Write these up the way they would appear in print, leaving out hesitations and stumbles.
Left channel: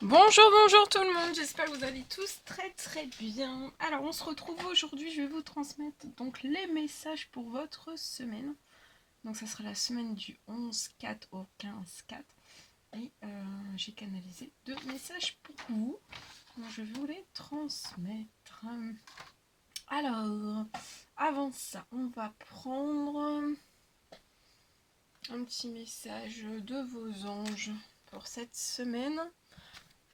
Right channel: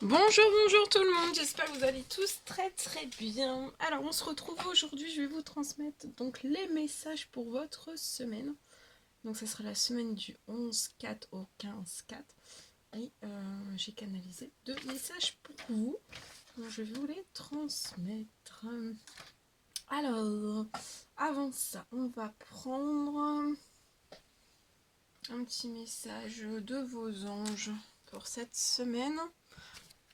Bonjour tout le monde, j'espère que vous allez tous très bien. Alors on se retrouve aujourd'hui, je vais vous transmettre donc les messages pour votre semaine. Donc ça sera la semaine du 11-4 au 15-4. Et j'ai canalisé 2 messages pour vous. Donc je vais vous les transmettre. Alors, avant ça, on va prendre un petit message de vos anges pour cette semaine.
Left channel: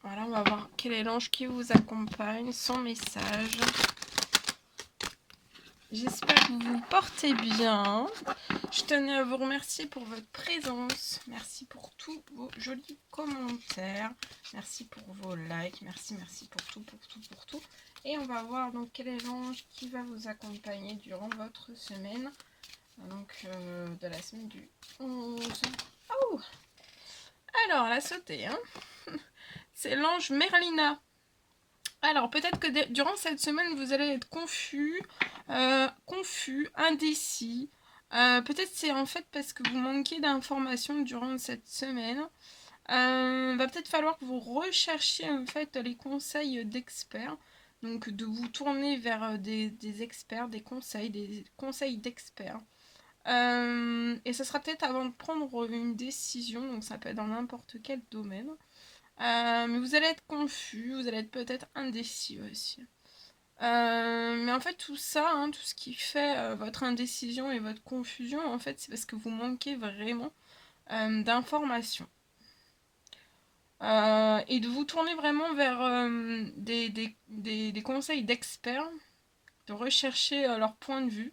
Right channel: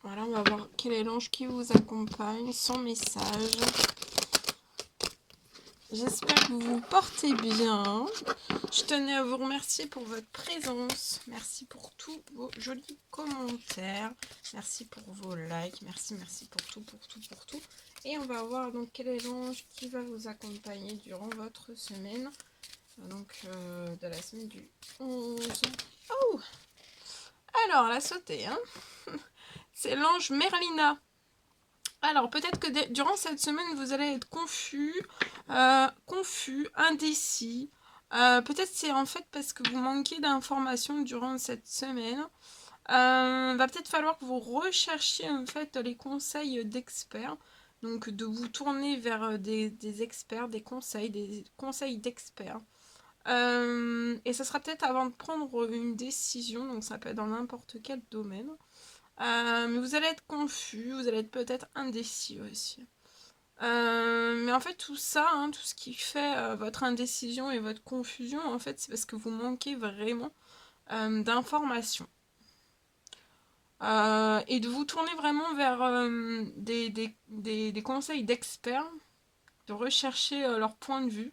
Voilà, on va voir quel est l'ange qui vous accompagne, son message. J'espère que vous vous portez bien. Je tenais à vous remercier pour votre présence. Merci pour tous vos jolis commentaires. Merci pour vos likes. Merci pour tout. Et on va voir donc quel est l'ange qui va vous accompagner durant votre semaine. Donc de la semaine du 11. Oh! Alors, la sautée, hein. C'est l'ange Merlina. Alors, peut-être que durant cette semaine, vous allez être confus, indécis. Peut-être c'est en fait parce que vous manquez d'informations durant cette semaine. Va peut-être falloir que vous recherchiez en fait les conseils d'experts. Donc, de vous tourner vers des experts, des conseils d'experts. Et ça sera peut-être avant de prendre une décision, donc ça peut être dans n'importe quel domaine. Mais vous allez être confus, vous allez être peut-être indécis aussi. Mais en fait, tout ça, hein, tout ce qui fait votre indécision et votre confusion, en fait, c'est parce que vous manquez vraiment d'informations. Et de vous tourner vraiment vers des conseils d'experts, de rechercher leur point de vue.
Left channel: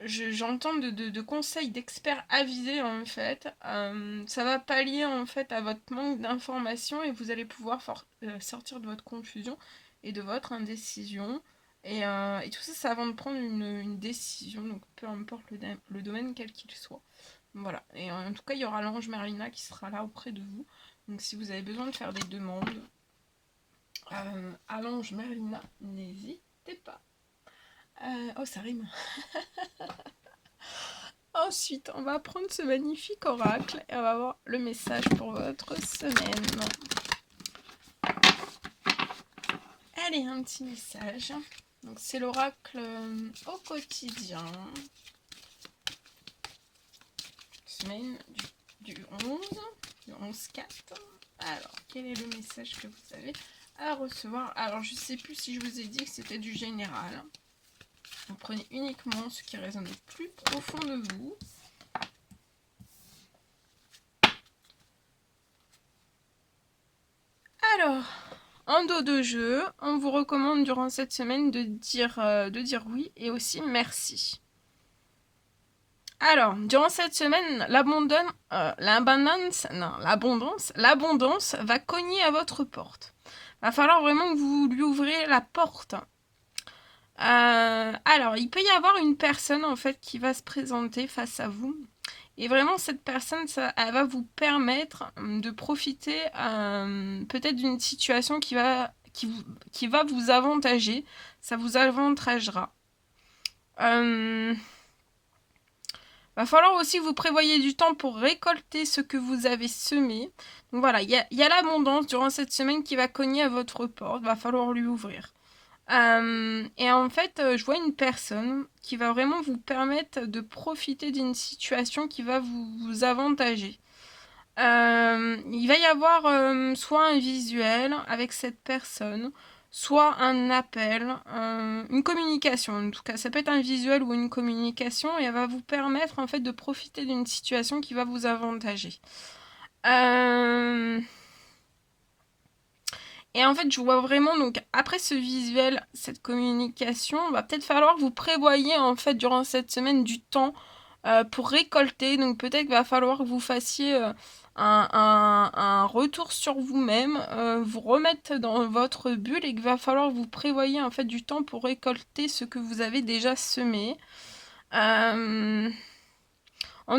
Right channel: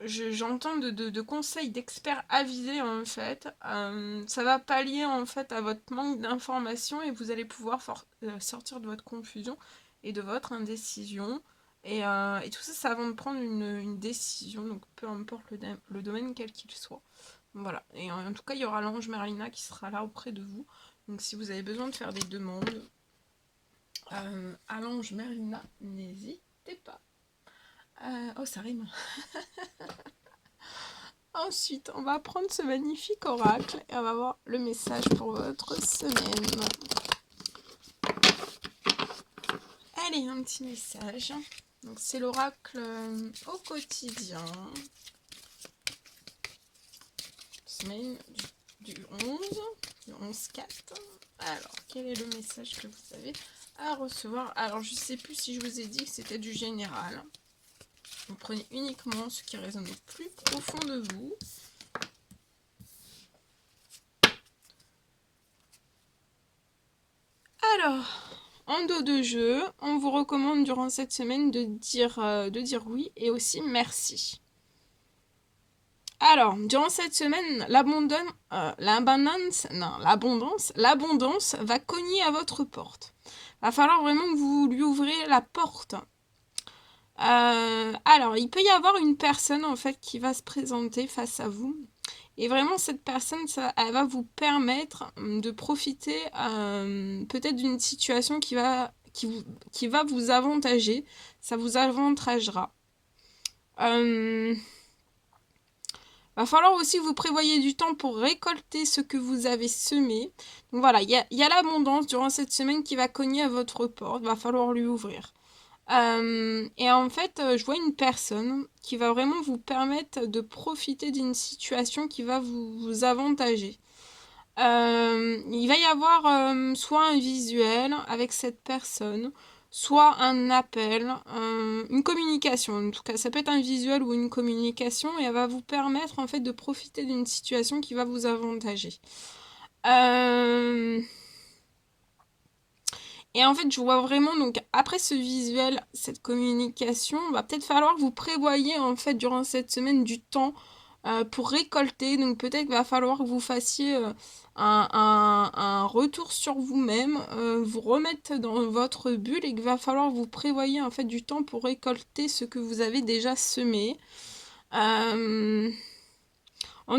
J'entends de conseils d'experts avisés en fait. Ça va pallier en fait à votre manque d'informations et vous allez pouvoir sortir de votre confusion et de votre indécision. Et tout ça, c'est avant de prendre une décision, donc peu importe le domaine quel qu'il soit. Voilà. Et en tout cas, il y aura l'ange Merlina qui sera là auprès de vous. Donc si vous avez besoin de faire des demandes à l'ange Merlina, n'hésitez pas. Oh, ça rime. Ensuite, on va prendre ce magnifique oracle et on va voir le message pour votre semaine. Allez, un petit message. Donc, c'est l'oracle au quotidien. Semaine du 11, du 11-4. Alors, quel est le message que vous avez à recevoir? Alors, je ne sais plus si je vous ai dit que c'était du général. Vous prenez uniquement ce qui résonne le plus profond de vous. Alors, en dos de jeu, on vous recommande durant cette semaine de dire oui et aussi merci. Alors, durant cette semaine, l'abondance va cogner à votre porte. Va falloir vraiment que vous lui ouvrez la porte. Alors, il peut y avoir une personne en fait qui va se présenter face à vous. Et vraiment, cette personne, elle va vous permettre de profiter peut-être d'une situation qui va vous avantager. Ça vous avantagera. Va falloir aussi que vous prévoyez du temps pour récolter ce que vous avez semé. Donc voilà, il y a l'abondance durant cette semaine qui va cogner à votre porte. Va falloir lui ouvrir. Et en fait, je vois une personne qui va vraiment vous permettre de profiter d'une situation qui va vous avantager. Il va y avoir soit un visuel avec cette personne, soit un appel, une communication. En tout cas, ça peut être un visuel ou une communication et elle va vous permettre en fait de profiter d'une situation qui va vous avantager. Et en fait, je vois vraiment, donc après ce visuel, cette communication, va peut-être falloir que vous prévoyez en fait durant cette semaine du temps pour récolter. Donc peut-être qu'il va falloir que vous fassiez un retour sur vous-même, vous remettre dans votre bulle et qu'il va falloir que vous prévoyez en fait du temps pour récolter ce que vous avez déjà semé. En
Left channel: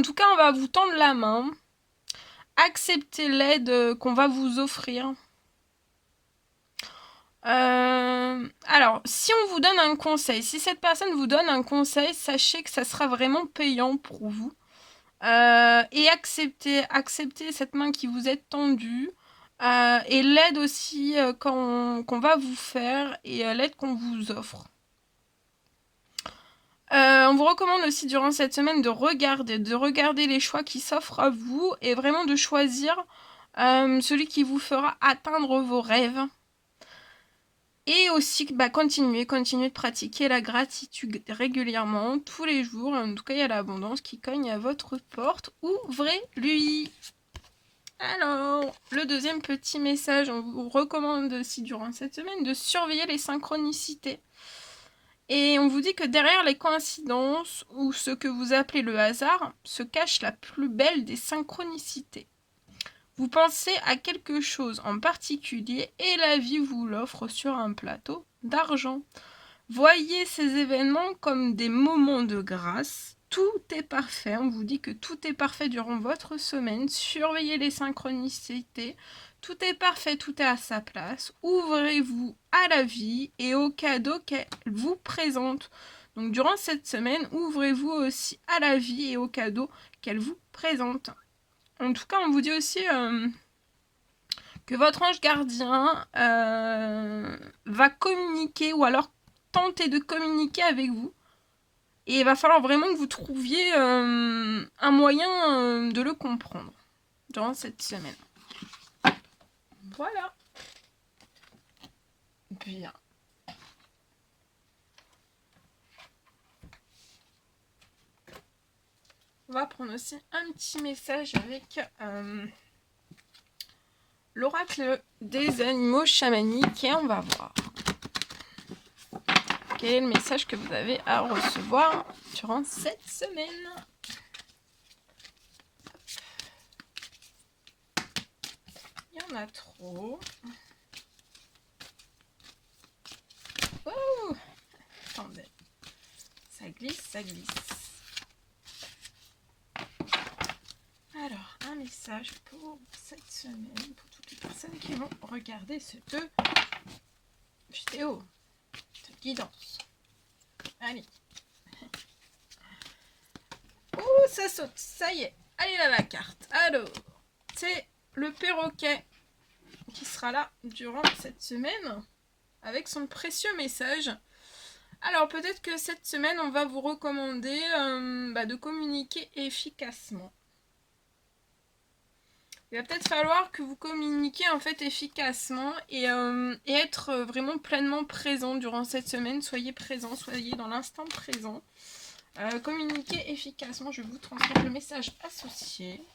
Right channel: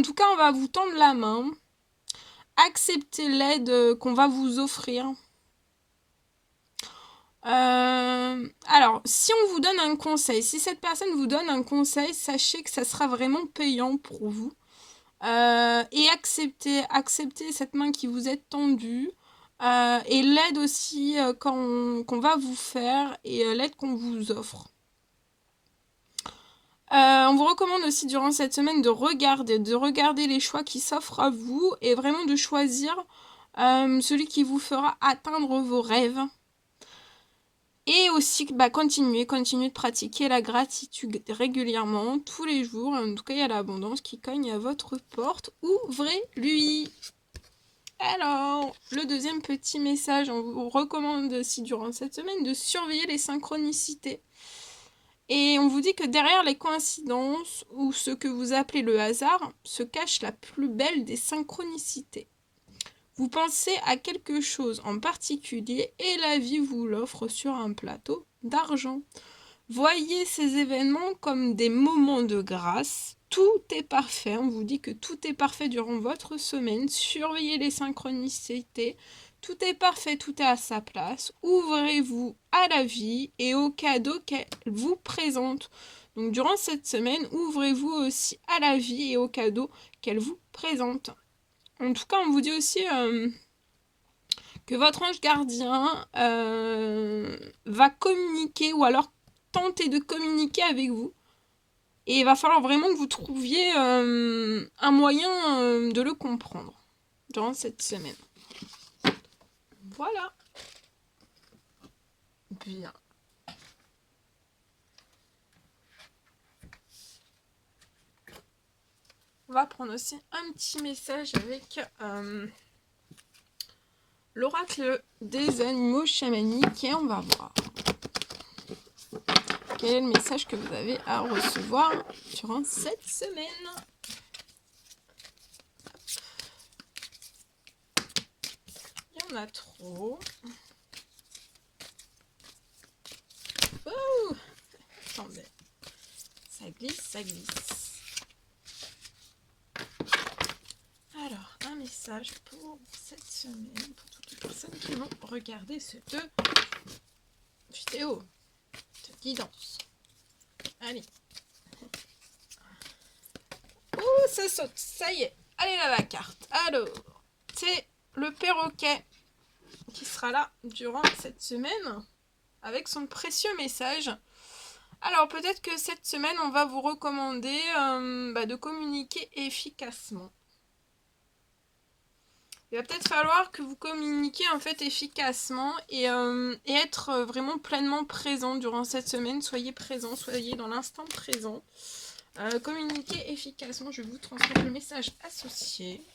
tout cas, on va vous tendre la main. Acceptez l'aide qu'on va vous offrir. Alors, si on vous donne un conseil, si cette personne vous donne un conseil, sachez que ça sera vraiment payant pour vous. Et acceptez cette main qui vous est tendue et l'aide aussi qu'on va vous faire et l'aide qu'on vous offre. On vous recommande aussi durant cette semaine de regarder les choix qui s'offrent à vous et vraiment de choisir celui qui vous fera atteindre vos rêves. Et aussi, continuez de pratiquer la gratitude régulièrement, tous les jours. En tout cas, il y a l'abondance qui cogne à votre porte. Ouvrez-lui. Alors, le deuxième petit message, on vous recommande aussi durant cette semaine de surveiller les synchronicités. Et on vous dit que derrière les coïncidences, ou ce que vous appelez le hasard, se cache la plus belle des synchronicités. Vous pensez à quelque chose en particulier et la vie vous l'offre sur un plateau d'argent. Voyez ces événements comme des moments de grâce. Tout est parfait. On vous dit que tout est parfait durant votre semaine. Surveillez les synchronicités. Tout est parfait, tout est à sa place. Ouvrez-vous à la vie et aux cadeaux qu'elle vous présente. Donc durant cette semaine, ouvrez-vous aussi à la vie et aux cadeaux qu'elle vous présente. En tout cas, on vous dit aussi que votre ange gardien va communiquer ou alors tenter de communiquer avec vous. Et il va falloir vraiment que vous trouviez un moyen de le comprendre durant cette semaine. Voilà. Bien. On va prendre aussi un petit message avec l'oracle des animaux chamaniques et on va voir quel est le message que vous avez à recevoir durant cette semaine. Il y en a trop. Oh, attendez. Ça glisse, ça glisse. Alors, un message pour cette semaine, pour toutes les personnes qui vont regarder cette vidéo de guidance. Allez. Oh, ça saute, ça y est. Allez là, la carte. Alors, c'est le perroquet qui sera là durant cette semaine avec son précieux message. Alors, peut-être que cette semaine, on va vous recommander de communiquer efficacement. Il va peut-être falloir que vous communiquiez en fait efficacement et être vraiment pleinement présent durant cette semaine. Soyez présent, soyez dans l'instant présent. Communiquez efficacement. Je vais vous transmettre le message associé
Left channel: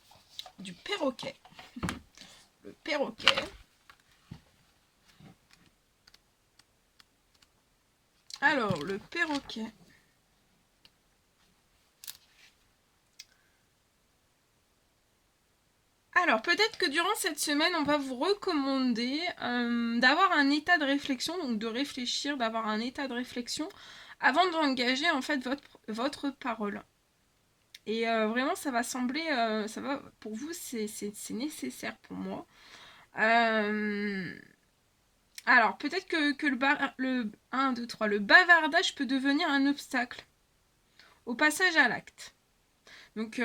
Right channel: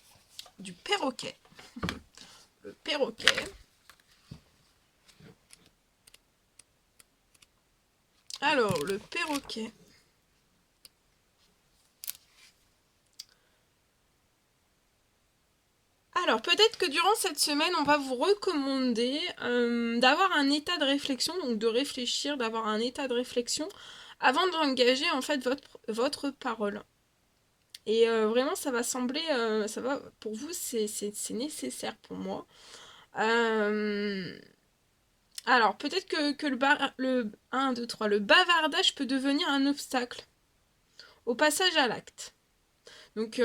du perroquet. Le perroquet. Alors, le perroquet. Alors, peut-être que durant cette semaine, on va vous recommander d'avoir un état de réflexion, donc de réfléchir, d'avoir un état de réflexion avant d'engager en fait votre parole. Et vraiment, ça va sembler, pour vous, c'est nécessaire pour moi. Alors, peut-être que le bavardage peut devenir un obstacle au passage à l'acte. Donc,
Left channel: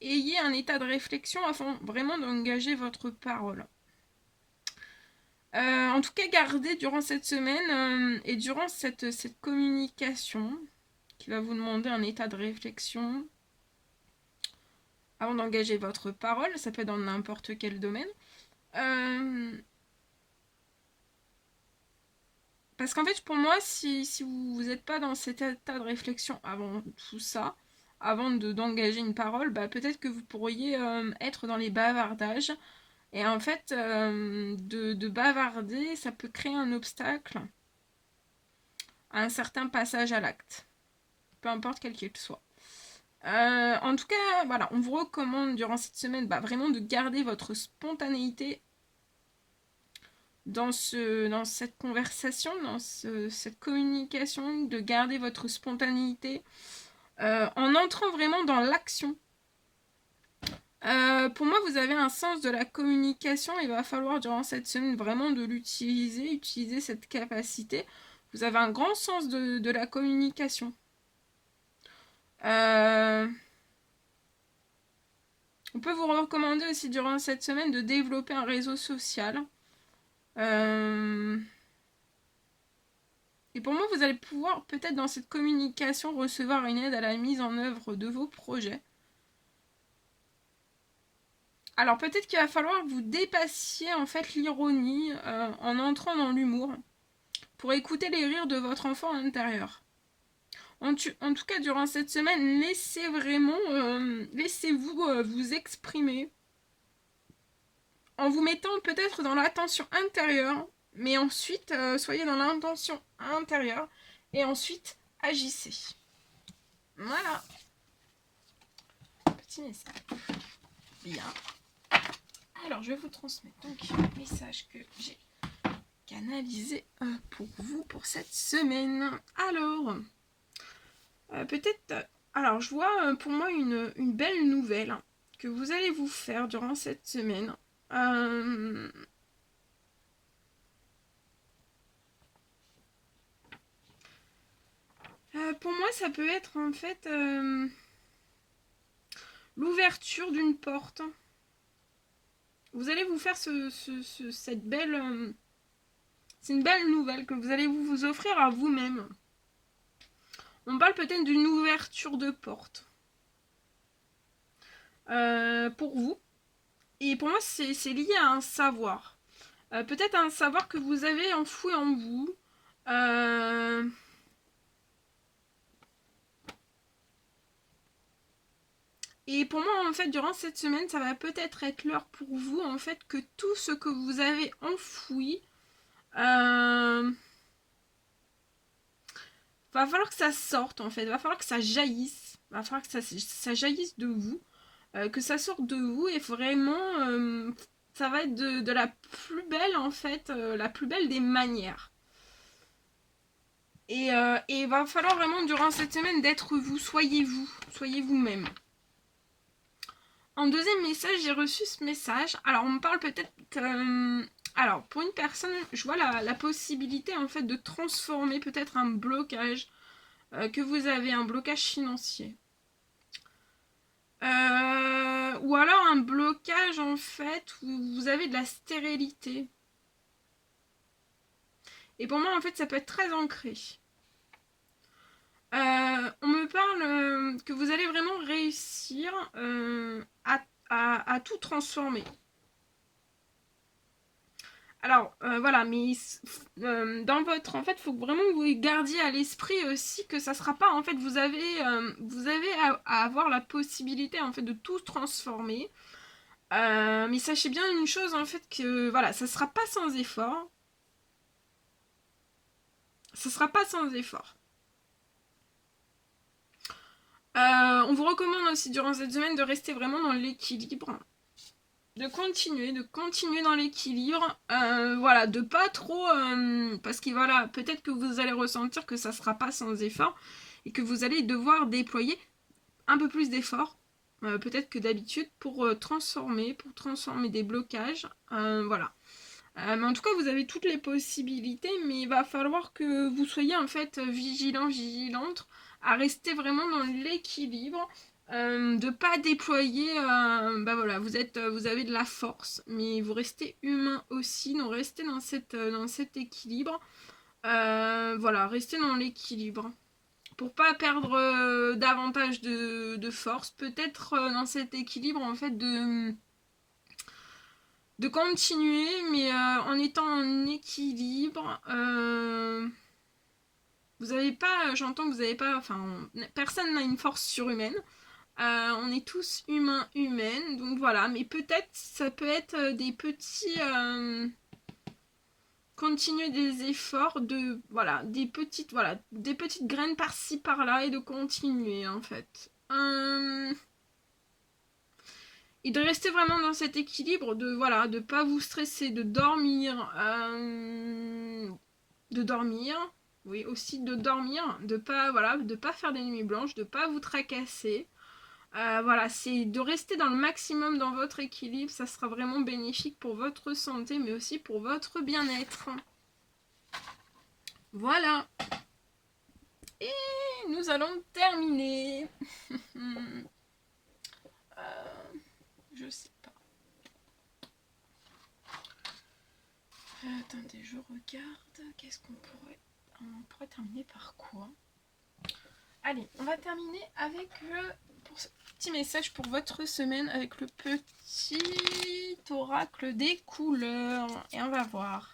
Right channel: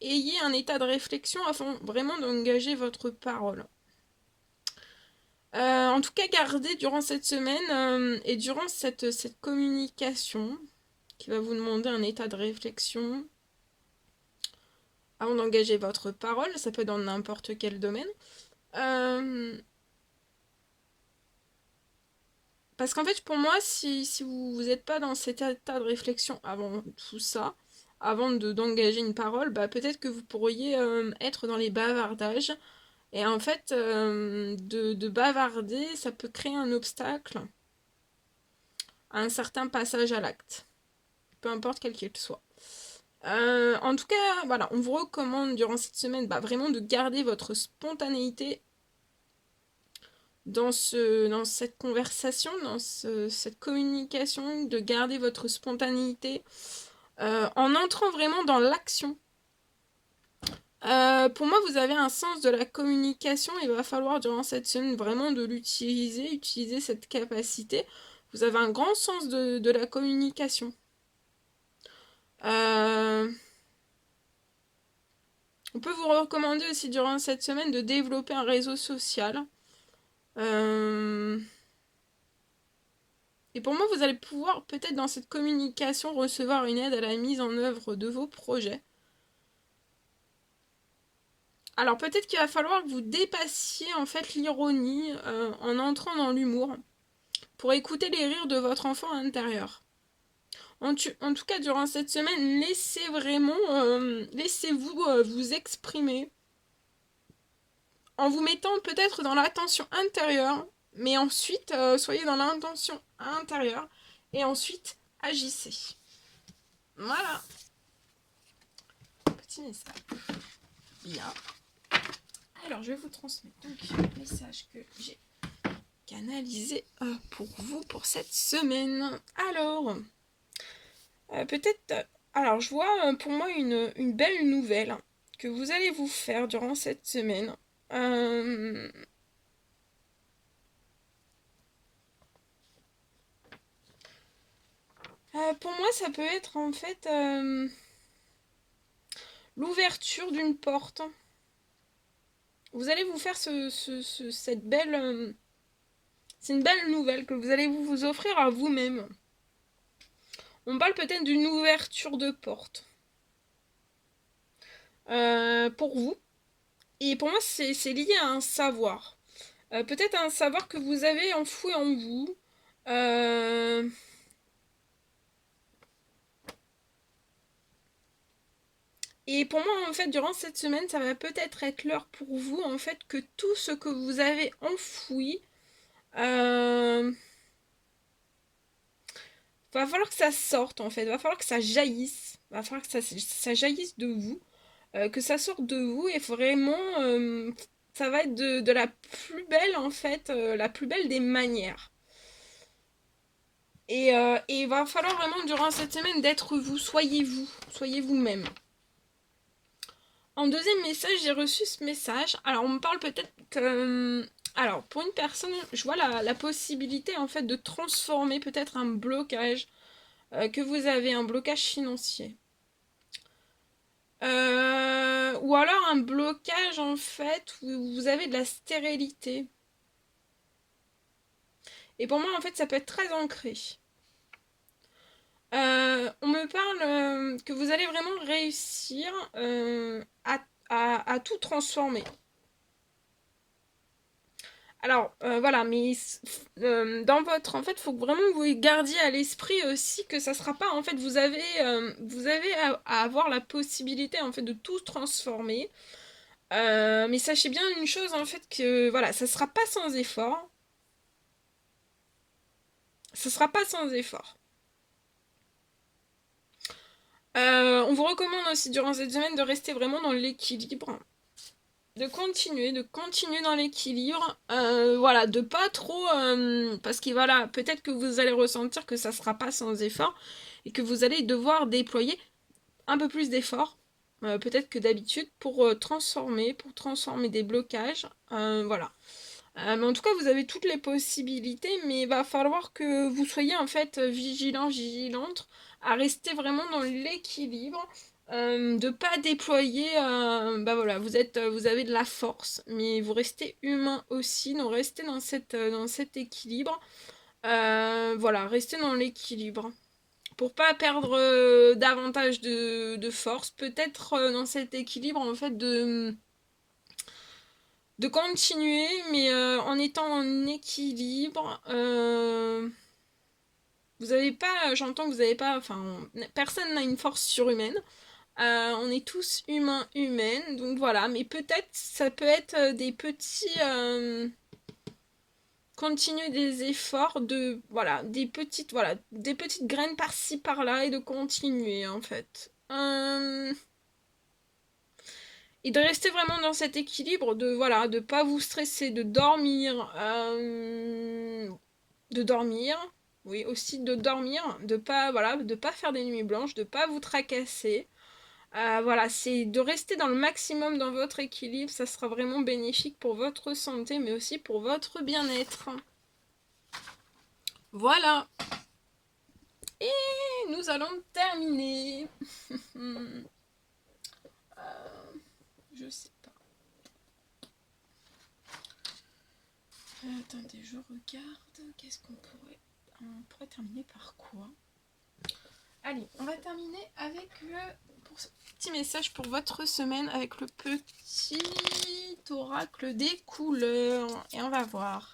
ayez un état de réflexion afin vraiment d'engager votre parole. En tout cas, gardez durant cette semaine et durant cette communication qui va vous demander un état de réflexion avant d'engager votre parole. Ça peut être dans n'importe quel domaine. Parce qu'en fait, pour moi, si vous n'êtes pas dans cet état de réflexion avant tout ça, avant d'engager une parole, peut-être que vous pourriez être dans les bavardages. Et en fait, de bavarder, ça peut créer un obstacle à un certain passage à l'acte. Peu importe quel qu'il soit. En tout cas, voilà, on vous recommande durant cette semaine vraiment de garder votre spontanéité dans cette conversation, dans cette communication, de garder votre spontanéité en entrant vraiment dans l'action. Pour moi, vous avez un sens de la communication. Il va falloir durant cette semaine vraiment de utiliser cette capacité. Vous avez un grand sens de la communication. On peut vous recommander aussi durant cette semaine de développer un réseau social. Et pour moi, vous allez pouvoir peut-être dans cette communication recevoir une aide à la mise en œuvre de vos projets. Alors peut-être qu'il va falloir que vous dépassiez en fait l'ironie en entrant dans l'humour pour écouter les rires de votre enfant intérieur. En tout cas, durant cette semaine, laissez-vous vous exprimer en vous mettant peut-être dans l'attention intérieure, mais ensuite, soyez dans l'intention intérieure et ensuite, agissez. Voilà. Petit message. Bien. Alors, je vais vous transmettre donc le message que j'ai canalisé pour vous pour cette semaine. Alors, peut-être... Alors, je vois pour moi une belle nouvelle que vous allez vous faire durant cette semaine. Pour moi, ça peut être en fait l'ouverture d'une porte. Vous allez vous faire cette belle... c'est une belle nouvelle que vous allez vous offrir à vous-même. On parle peut-être d'une ouverture de porte. Pour vous. Et pour moi, c'est lié à un savoir. Peut-être un savoir que vous avez enfoui en vous. Et pour moi, en fait, durant cette semaine, ça va peut-être être l'heure pour vous, en fait, que tout ce que vous avez enfoui, va falloir que ça sorte, en fait. Va falloir que ça jaillisse. Va falloir que ça jaillisse de vous. Que ça sorte de vous. Et vraiment, ça va être de la plus belle, en fait, la plus belle des manières. Et il va falloir vraiment, durant cette semaine, d'être vous. Soyez vous. Soyez vous-même. En deuxième message, j'ai reçu ce message. Alors, on me parle peut-être... alors, pour une personne, je vois la possibilité, en fait, de transformer peut-être un blocage que vous avez, un blocage financier. Ou alors un blocage, en fait, où vous avez de la stérilité. Et pour moi, en fait, ça peut être très ancré. On me parle que vous allez vraiment réussir à tout transformer. Alors, voilà, mais dans votre... En fait, il faut que vraiment vous gardiez à l'esprit aussi que ça sera pas... En fait, vous avez à avoir la possibilité, en fait, de tout transformer. Mais sachez bien une chose, en fait, que, voilà, ça sera pas sans effort. Ça sera pas sans effort. On vous recommande aussi, durant cette semaine, de rester vraiment dans l'équilibre. De continuer dans l'équilibre, voilà, de pas trop, parce que voilà, peut-être que vous allez ressentir que ça sera pas sans effort et que vous allez devoir déployer un peu plus d'efforts, peut-être que d'habitude, pour transformer des blocages, voilà. Mais en tout cas, vous avez toutes les possibilités, mais il va falloir que vous soyez en fait vigilante, à rester vraiment dans l'équilibre, de pas déployer, bah voilà, vous avez de la force, mais vous restez humain aussi, donc restez dans cet équilibre, voilà, restez dans l'équilibre. Pour pas perdre davantage de force, peut-être dans cet équilibre en fait de continuer, mais en étant en équilibre. Vous avez pas, j'entends que vous avez pas, enfin, personne n'a une force surhumaine. On est tous humains, humaines, donc voilà. Mais peut-être, ça peut être des petits, continuer des efforts de, voilà, des petites graines par-ci par-là et de continuer en fait. Et de rester vraiment dans cet équilibre, de pas vous stresser, de dormir, oui, aussi de dormir, de pas faire des nuits blanches, de pas vous tracasser. Voilà, c'est de rester dans le maximum dans votre équilibre, ça sera vraiment bénéfique pour votre santé, mais aussi pour votre bien-être. Voilà. Et nous allons terminer. Attendez, je regarde. Qu'est-ce qu'on pourrait... On pourrait terminer par quoi? Allez, on va terminer avec pour ce petit message pour votre semaine avec le petit oracle des couleurs. Et on va voir.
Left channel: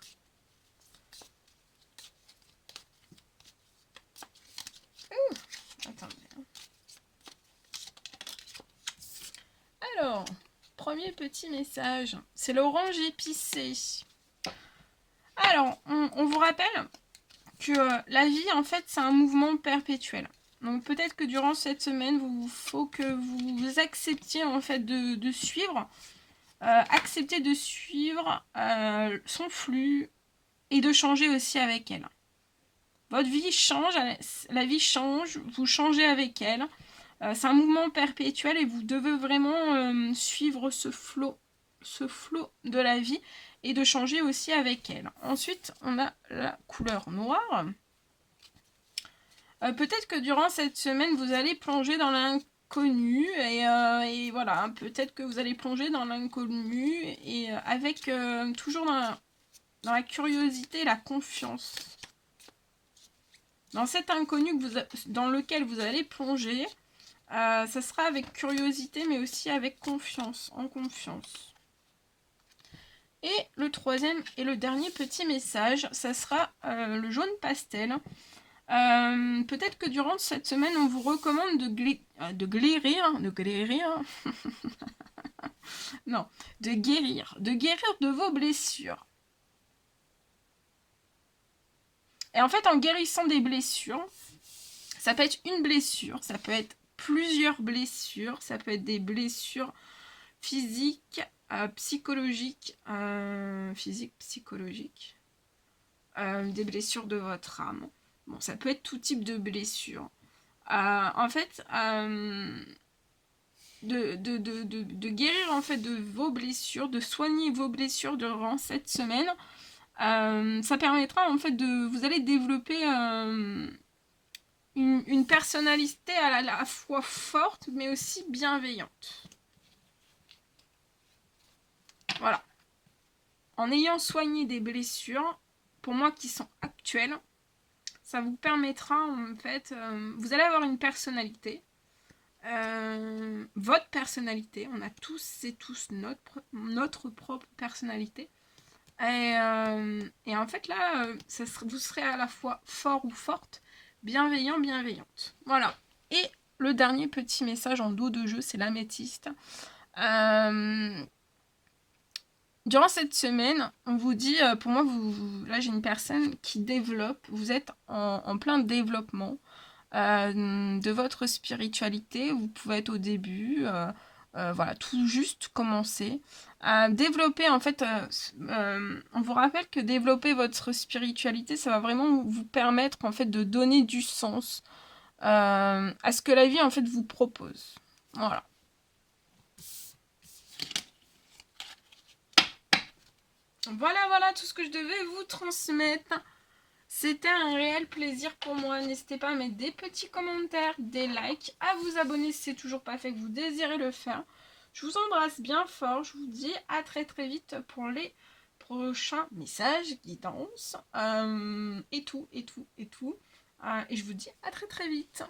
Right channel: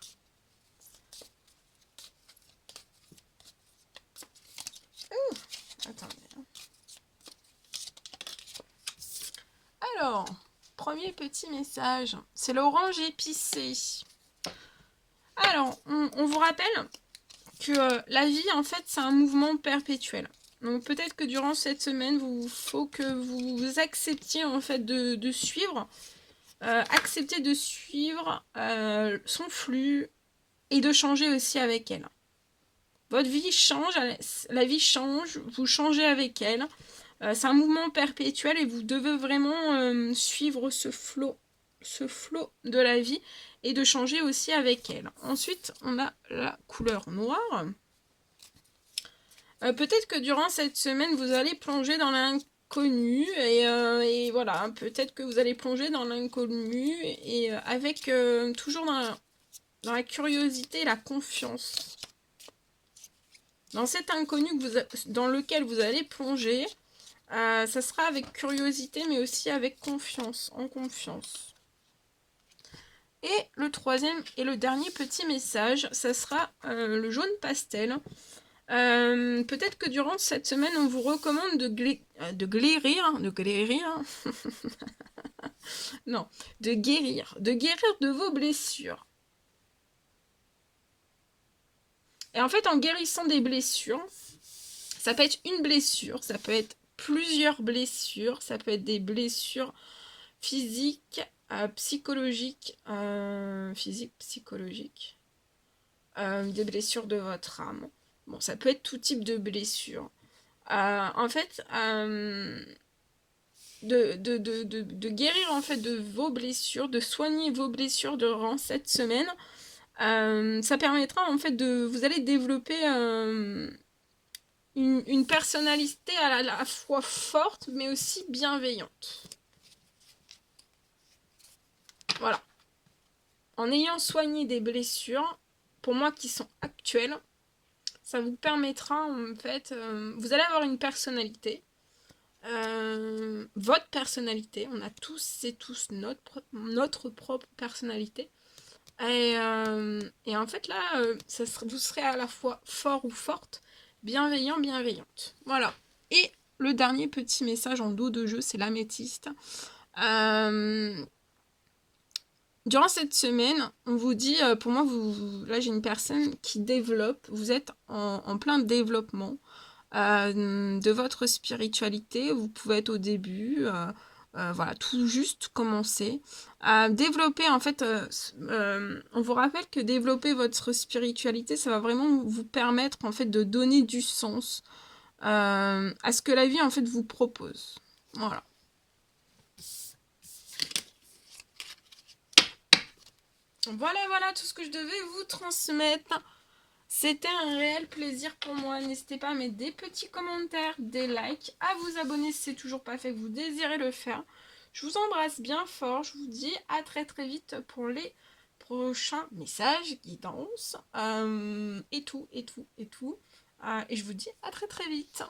Attendez. Alors, premier petit message, c'est l'orange épicé. Alors, on vous rappelle que la vie, en fait, c'est un mouvement perpétuel. Donc peut-être que durant cette semaine, il faut que vous acceptiez en fait de suivre, accepter de suivre son flux et de changer aussi avec elle. Votre vie change, la vie change, vous changez avec elle. C'est un mouvement perpétuel et vous devez vraiment suivre ce flot de la vie et de changer aussi avec elle. Ensuite, on a la couleur noire. Peut-être que durant cette semaine, vous allez plonger dans l'inconnu et voilà, peut-être que vous allez plonger dans l'inconnu et avec toujours dans la curiosité et la confiance. Dans cet inconnu dans lequel vous allez plonger, ça sera avec curiosité mais aussi avec confiance, en confiance. Et le troisième et le dernier petit message, ça sera le jaune pastel. Peut-être que durant cette semaine, on vous recommande de guérir de vos blessures. Et en fait, en guérissant des blessures, ça peut être une blessure, ça peut être plusieurs blessures, ça peut être des blessures physiques, psychologiques, des blessures de votre âme. Bon, ça peut être tout type de blessures. En fait, de guérir en fait de vos blessures, de soigner vos blessures durant cette semaine, ça permettra en fait vous allez développer une personnalité à la fois forte mais aussi bienveillante. Voilà. En ayant soigné des blessures, pour moi qui sont actuelles, ça vous permettra en fait, vous allez avoir une personnalité, votre personnalité, on a tous et tous notre propre personnalité. Et en fait là, vous serez à la fois fort ou forte, bienveillant, bienveillante. Voilà. Et le dernier petit message en dos de jeu, c'est l'améthyste. Durant cette semaine, on vous dit, pour moi, là j'ai une personne qui développe, vous êtes en plein développement de votre spiritualité, vous pouvez être au début, voilà, tout juste commencer. Développer, en fait, on vous rappelle que développer votre spiritualité, ça va vraiment vous permettre, en fait, de donner du sens à ce que la vie, en fait, vous propose. Voilà. Voilà tout ce que je devais vous transmettre. C'était un réel plaisir pour moi. N'hésitez pas à mettre des petits commentaires, des likes, à vous abonner si c'est toujours pas fait, que vous désirez le faire. Je vous embrasse bien fort. Je vous dis à très très vite pour les prochains messages, guidance, et tout. Et je vous dis à très très vite.